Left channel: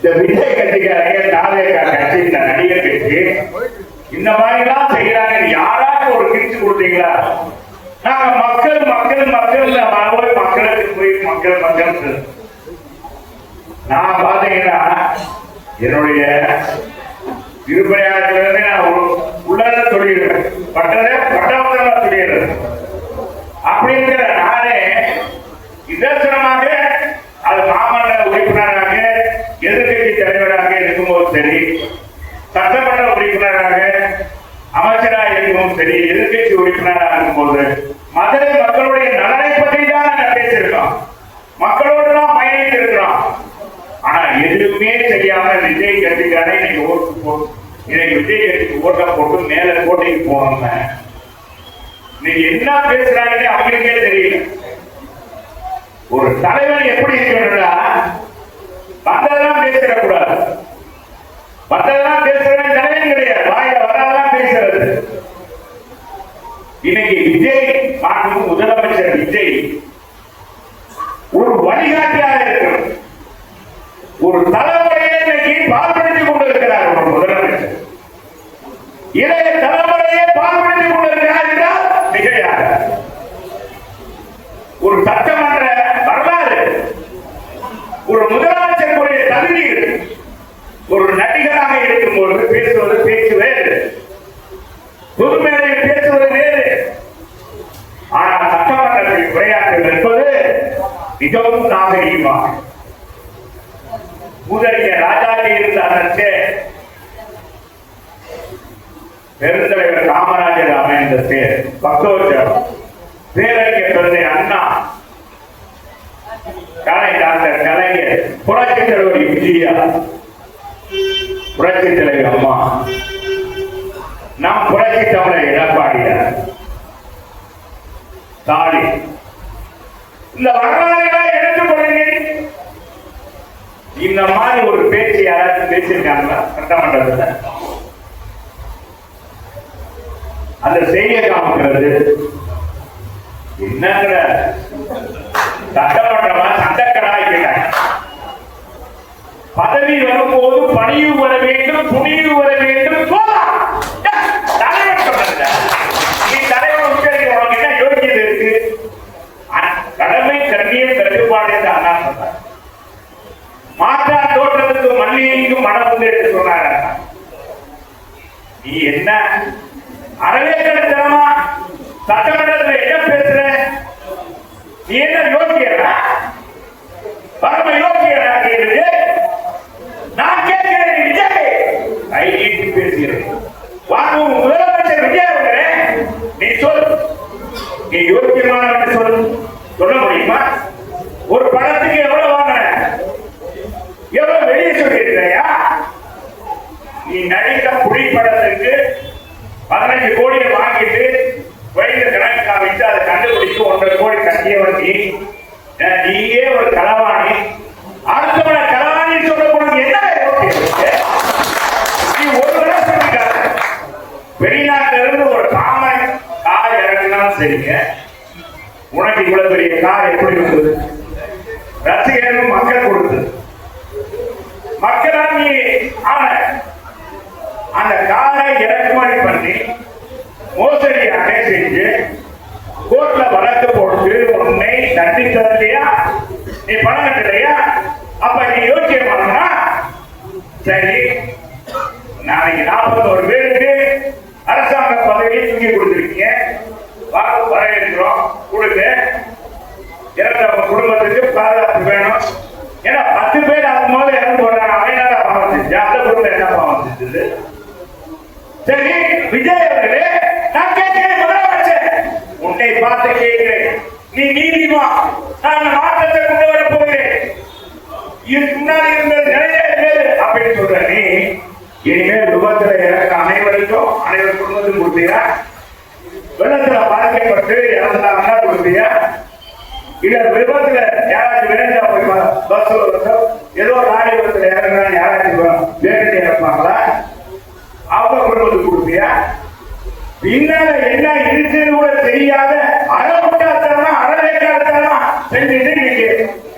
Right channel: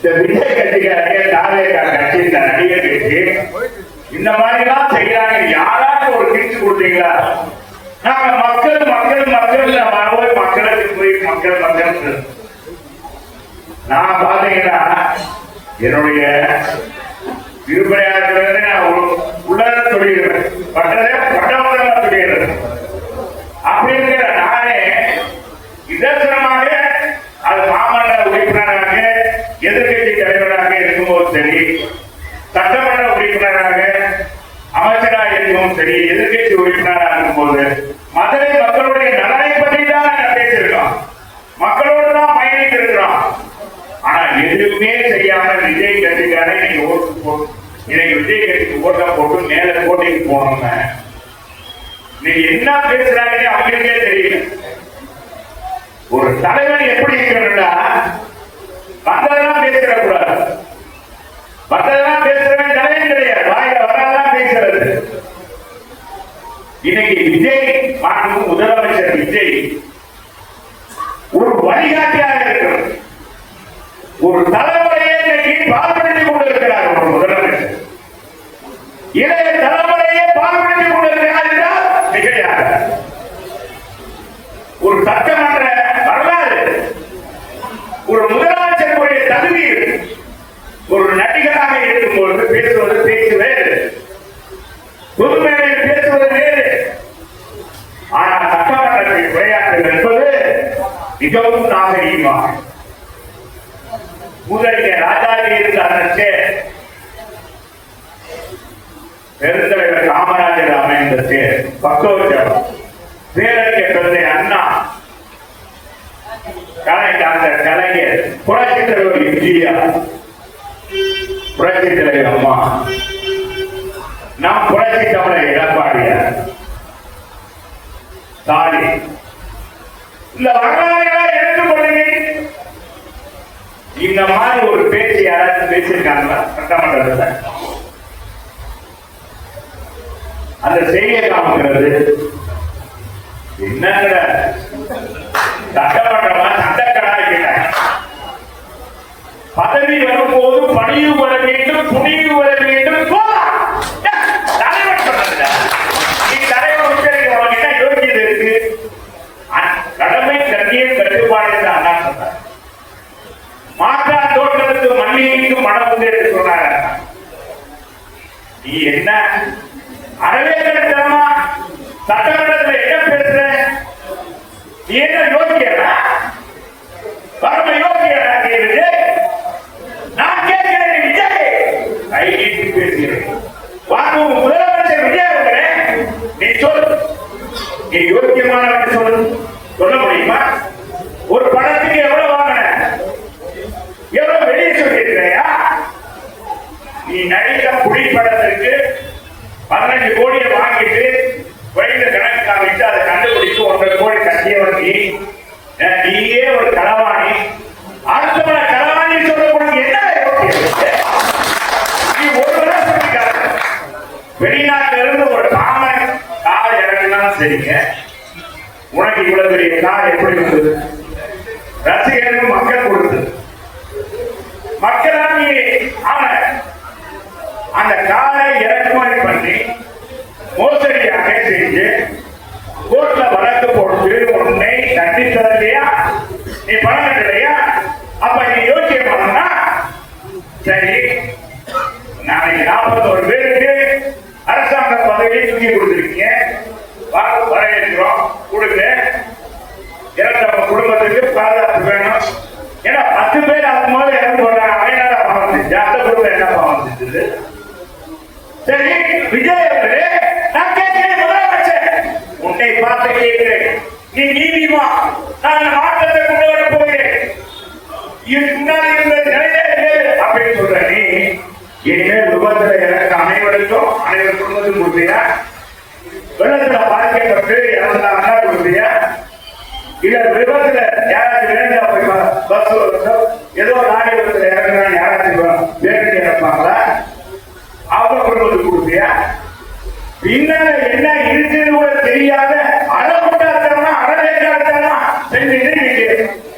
இந்த விஜய் கட்சிக்காரங்க தாரேகா கட்சி இந்த நடிகர் கட்சி இந்த மாதிரி எல்லாம் செய்யறாங்க. யாராவது ஒரு கிழிச்சு கொடுத்தீங்களா? நாங்க மக்கள் மக்கள் மக்கள் போய் மக்களுக்கு போய் மக்கள் மக்கள் நான் பாத்தீங்கன்னா என்னுடைய திருப்பணியாளர்கள் நான் உள்ளத சொல்லிடுறேன், பட்டதே பட்டவர்களா சொல்லிடுறேன். அப்படி இருக்கிற நானே இதர்சனமாக அது மாமன்ற உறுப்பினராக எதிர்கட்சி தலைவராக இருக்கும்போது சரி, சட்டமன்ற உறுப்பினராக அமைச்சராக இருக்கும்போது சரி, எதிர்கட்சி உறுப்பினராக இருக்கும்போது மதுரை மக்களுடைய நலனை பற்றி தான் பேசியிருக்கோம், மக்களோடு தான் பயணித்து இருக்கிறோம். ஆனா எதுவுமே செய்யாம விஜய் கட்சிக்கான இன்னைக்கு விஜய் கட்சிக்கு ஓட்டம் போட்டு மேல போட்டிக்கு போவாங்க. இன்னைக்கு என்ன பேசுறாங்கன்னு அவங்களுக்கே தெரியல. ஒரு தலைவர் எப்படி இருக்கிறா வந்ததெல்லாம் பேசிடக்கூடாது, மற்றதெல்லாம் பேசுறது ஜனமே கிடையாது, வாயில வராதான் பேசுறது. இன்னைக்கு விஜய் மாண்பு முதலமைச்சர் விஜய் ஒரு வழிகாட்டியாக இருக்கிறது, ஒரு தலைமுறையை இன்னைக்கு பாதுகாத்துக் கொண்டிருக்கிறார். ஒரு முதலமைச்சர் இளைய தலைமுறையை பாதுகாத்துக் கொண்டிருக்கிறார் என்றால் மிகையாக. ஒரு சட்டமன்ற வரலாறு, ஒரு முதலமைச்சருடைய தகுதி, ஒரு நடிகராக இருக்கும்போது பேசுவது பேச்சு வேறு, பொதுமையில் பேசுவது வேறு. ஆனால் சட்டமன்றத்தில் உரையாற்றுவது என்பது மிகவும் நாகரீகமாக. முதலிய ராஜாஜி இருந்த அரசு பெருந்தலைவர் காமராஜர் அமைந்த பக்கோற்றம் பேரறிஞர் பிறந்த அண்ணா, கலைஞர் கலைஞர், புரட்சி தலைவர் விஜயா, புரட்சி தலைவர் அம்மா, நம் புரட்சி தலைவர் எடப்பாடியார், தாடி, இந்த வரலாறுகளை எடுத்துக்கொள்ளுங்க. இந்த மாதிரி ஒரு பேச்சு யாராவது பேசியிருக்காங்க சட்டமன்றத்தில்? அந்த செய்தியை காமிக்கிறது என்னங்கிற சட்டமன்றமா சண்டக்கடாய் பதவி வரும்போது பணிவு வர வேண்டும், துணிவு வர வேண்டும். தலைவர் சொன்ன நீ தலைவர் உச்சரிக்க உனக்கு என்ன யோகியது இருக்கு? கடமை கண்ணியம் கட்டுப்பாடு என்று அண்ணா சொன்னார். மாற்றா தோற்றத்துக்கு மல்லிகைக்கு மனம் உண்டு என்று சொன்னார். நீ என்ன அரவேக்கமா சட்டமன்றத்தில் என்ன பேசுற? நீ என்ன யோகியரா? பரம யோகியரா? நான் கேட்கிறேன் விஜய் கையேற்றி பேசுகிறேன். வாங்க முதலமைச்சர் விஜய் அவர்களே, நீ சொல், நீ யோகியமான சொல்ல முடியுமா? ஒரு பணத்துக்கு எவ்வளவு வாங்கின, எவ்வளவு வெளியே சொல்லியிருக்கிறையா? நீ நடித்த புலிப்படத்துக்கு 15 கோடியை வாங்கிட்டு குறைந்த கணக்கு காமிச்சு அதை கண்டுபிடிச்சு 1 கோடி கட்டியவங்க நீயே ஒரு களவாணி. அடுத்தவன களவாணி சொல்லக்கூடிய என்ன நீ ஒரு நாள் சொல்லிக்காத. வெளிநாட்டில இருந்து ஒரு காமன் கார் இறங்கினாலும் சரிங்க, உனக்கு இவ்வளவு பெரிய கார் எப்படி வந்தது? ரசிகர்கள் மக்கள் கொடுத்தது. மக்கள் நீ அந்த காரை இறக்குமதி பண்ணி மோசடியாக செஞ்சு கோர்ட்ல வழக்கு போட்டு உன்னை தண்டித்தது இல்லையா? நீ பணம் கட்டலையா? அப்ப நீ யோசிக்க பண்ணா சரி, நாளைக்கு 41 பேருக்கு அரசாங்க பதவியை தூக்கி கொடுத்திருக்கீங்க, வரவேற்கிறோம், கொடுங்க. இறந்தவங்க குடும்பத்துக்கு பாதுகாப்பு வேணும். ஏன்னா 10 பேர் அதுக்கு மேல இறந்து போறாங்க, அவங்க பாவம் செஞ்சு அந்த குடும்பம் என்ன பாவம் செஞ்சது? சரி விஜய் அவர்களே, நான் கேட்கிறேன் முதலமைச்சர், உன்னை பார்த்து கேட்கிறேன், நீ நீதிமா நான் மாற்றத்தை கொண்டு வர போகிறேன், இதுக்கு முன்னாடி இருந்த நிலையே அப்படின்னு சொல்ற நீ இனிமேல் விபத்துல இறக்க அனைவருக்கும் அனைவர் குடும்பத்துக்கும் கொடுத்தியா? வெள்ளத்துல பாதிக்கப்பட்டு இறந்தாங்கன்னா கொடுத்தியா? இல்ல விபத்துல யாராச்சும் வேண்டாம் பஸ் ஏதோ ராணி விபத்துல இறக்குறாங்க யாராச்சும் வேண்டி இறப்பாங்களா? அவங்க குடும்பத்துக்கு கொடுத்தியா? பின்னால என்ன இருக்குன்னு கூட தெரியாத அறவுட்டாத்தனா அறவேட்டாத்தனா செஞ்சுட்டு நீங்க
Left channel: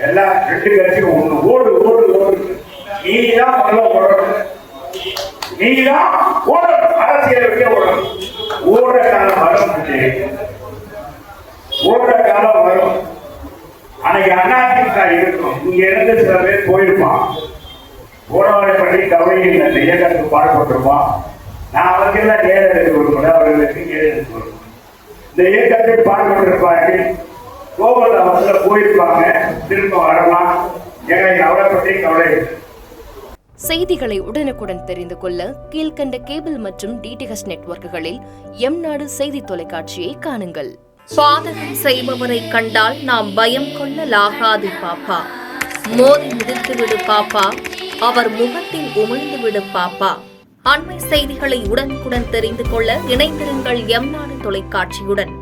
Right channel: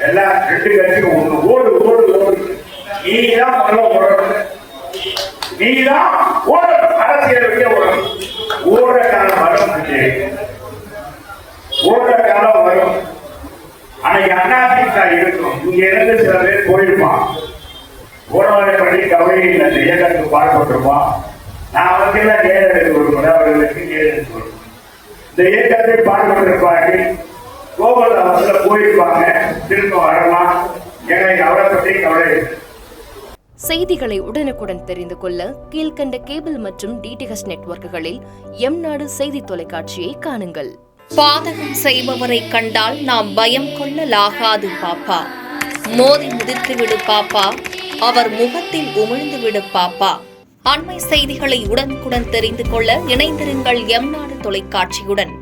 எல்லாம் 2 பேருக்கு ஒண்ணு ஓடு ஓடு ஓடு நீதான் முதல்ல ஓடணும். நீதான் ஓடணும். அரசியல் விட்டு ஓடணும். ஓடுற காலம் வரும். ஓடுற காலம் வரும். அன்னைக்கு அதிமுக இருக்கும். இங்க இருந்து சில பேர் போயிருப்பான். போனவரை பற்றி கவலை இல்லை. இயக்கத்துக்கு பாடுபட்டுருவான். நான் அவருக்கெல்லாம் நேரம் எடுத்து கொடுக்கணும். அவர்களுக்கு நேரம் எடுத்து கொடுக்கணும். இந்த இயக்கத்தை பாடுபட்டிருப்பார்கள். கோகுல அவர்கள போயிருப்பாங்க. திரும்ப வரலாம். எனக்கு அவரை பற்றி கவலை இல்லை. செய்திகளை உடனுக்குடன் தெரிந்து கொள்ள கீழ்கண்ட கேபிள் மற்றும் டிடிஹெச் நெட்வொர்க்குகளில் எம் நாடு செய்தி தொலைக்காட்சியை காணுங்கள். பாதகம் செய்பவரை கண்டால் நாம் பயம் கொள்ளலாகாது பாப்பா. மோதி மிதித்துவிடு பாப்பா, அவர் முகத்தில் உமிழ்ந்துவிடு பாப்பா. அண்மை செய்திகளை உடனுக்குடன் தெரிந்து கொள்ள இணைந்திருங்கள் எம் நாடு தொலைக்காட்சியுடன்.